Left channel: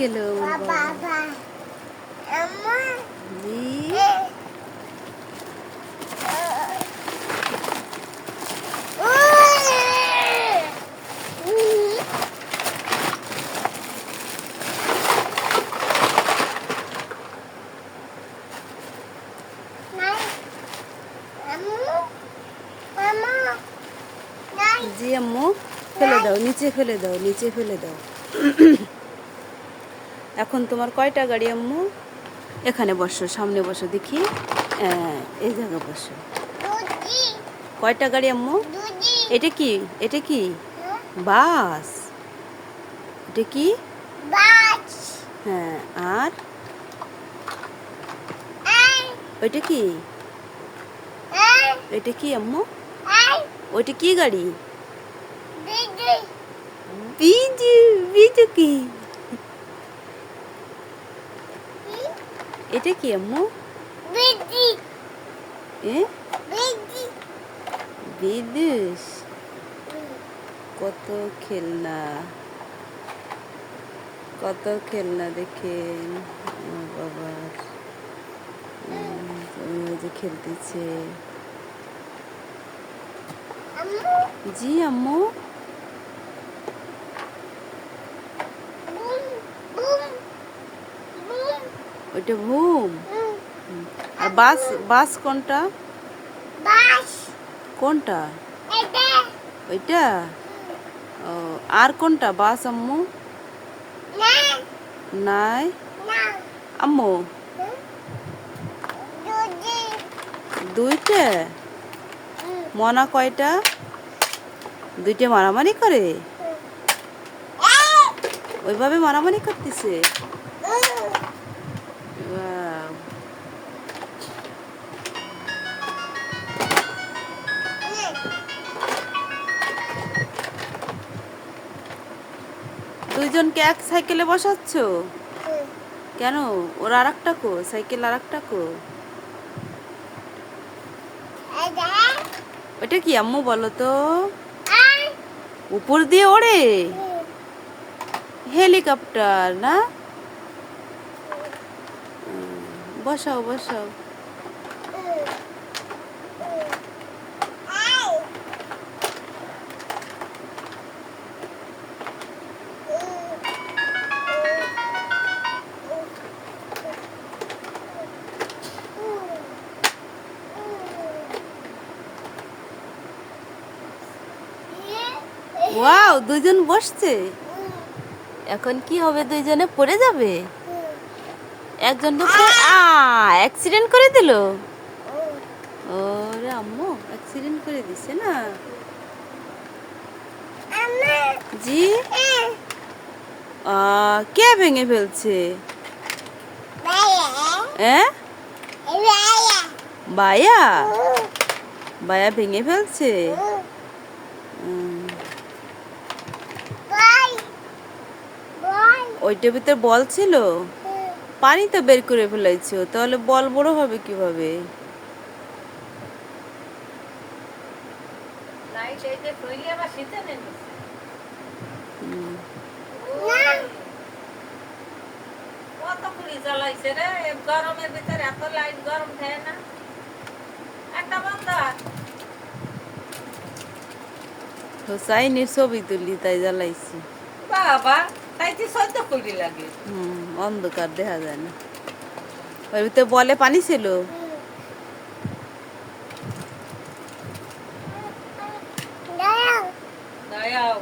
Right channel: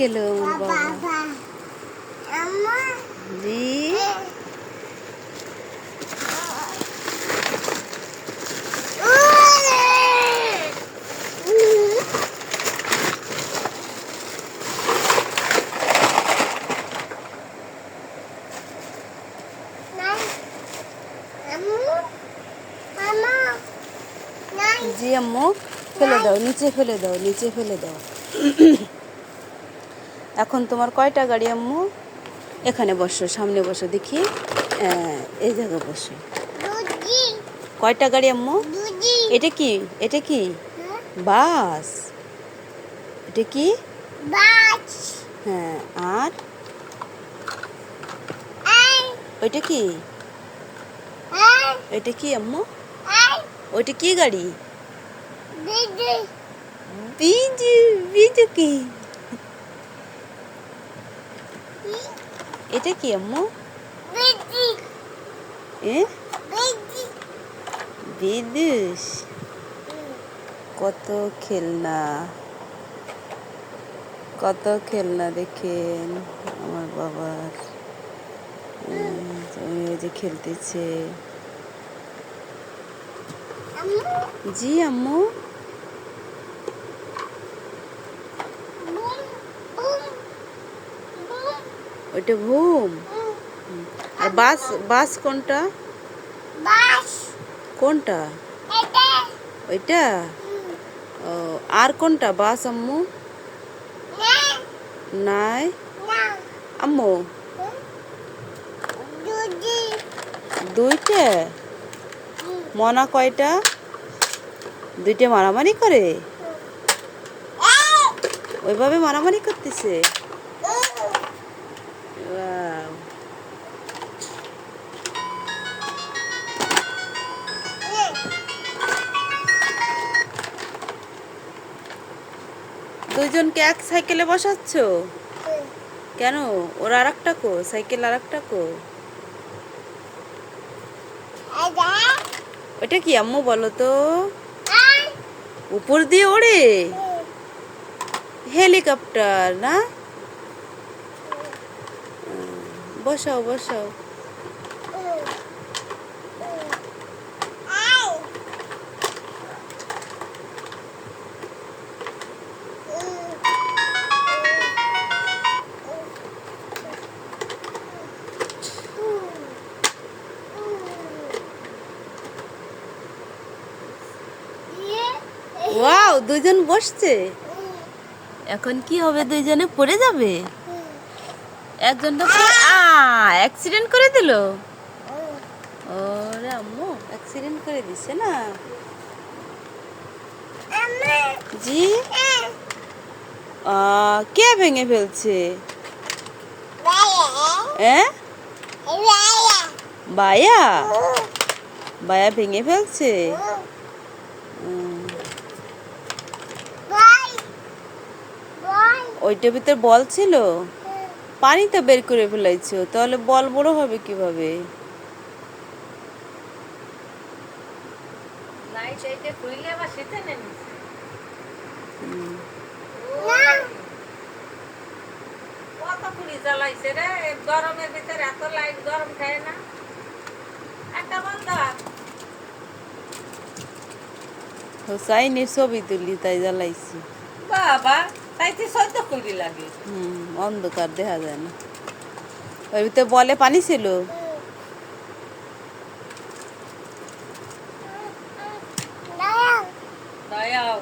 গেল আমার বাবা? জি জি আম্মু, ফেলে দাও, নিচে ফেলে দাও, নিচে ফেলে দাও। এখন তোমার কয়টা গাড়ি আম্মু? এখানে বসো, সামনে বসো দেখি। এই জায়গা বসো। কয়টা গাড়ি আম্মু? এটা কি? এটা কি বাস? এটা কি? হ্যাঁ, আর ওইটা কি? এটা কি আম্মু? ওইটা কি গাড়ি? বিজু। বিজু কি? এটা কি আম্মু? বিদুষ। কত খেলনা, কত খেলনা দেখেন আমার বাবার। ওই যে খেলতেছে। জি আম্মু। ওইটা বুম। আর বাস? বাস কোনটা? কোনটা? ওইটা? ও, আর কোনটা বাস আম্মু? নাই আম্মু। দুইটা? মনা কয়টা? দুইটা মারামারি করে? ওইভাবে মারামারি করতেছে? Wow. দুইজনকে এক সাইকেলে বসাচ্ছ কেন? ওর আর একটা কো, সাইকেল আর একটা কো? ওইটা কি আম্মু বলো তো? উপর দিয়ে ওড়ে? হেলিকপ্টার না? বসাও বসাও। ওয়াও, দুইজন বসছে। এখন কি হবে? দুইজনে পড়ে যাবে? একজন তো অ্যাক্সিডেন্ট করে দিল। ওরে আম্মু, অ্যাক্সিডেন্ট করে দিছে না? জি। কে ভেঙে ফেলছে? বায়া? বায়া ভেঙে ফেলছে? ওইটার ভিতরে বল ছিল? পানি তো বের করে ফেলাইছো, তাহলে বল বড় হবে কিভাবে? গরমের ভিতরে এত লাইট গরম খায় না। একটা বন্ধ। হোসাইনের ছবি তুলি তাই জ্বালাইছি। বাবা, তাইতে সহ্য করি লাগে। অন্ধকার দেখা যায় না। ওর ভিতরে বলে পানি ছিল? দয়াও।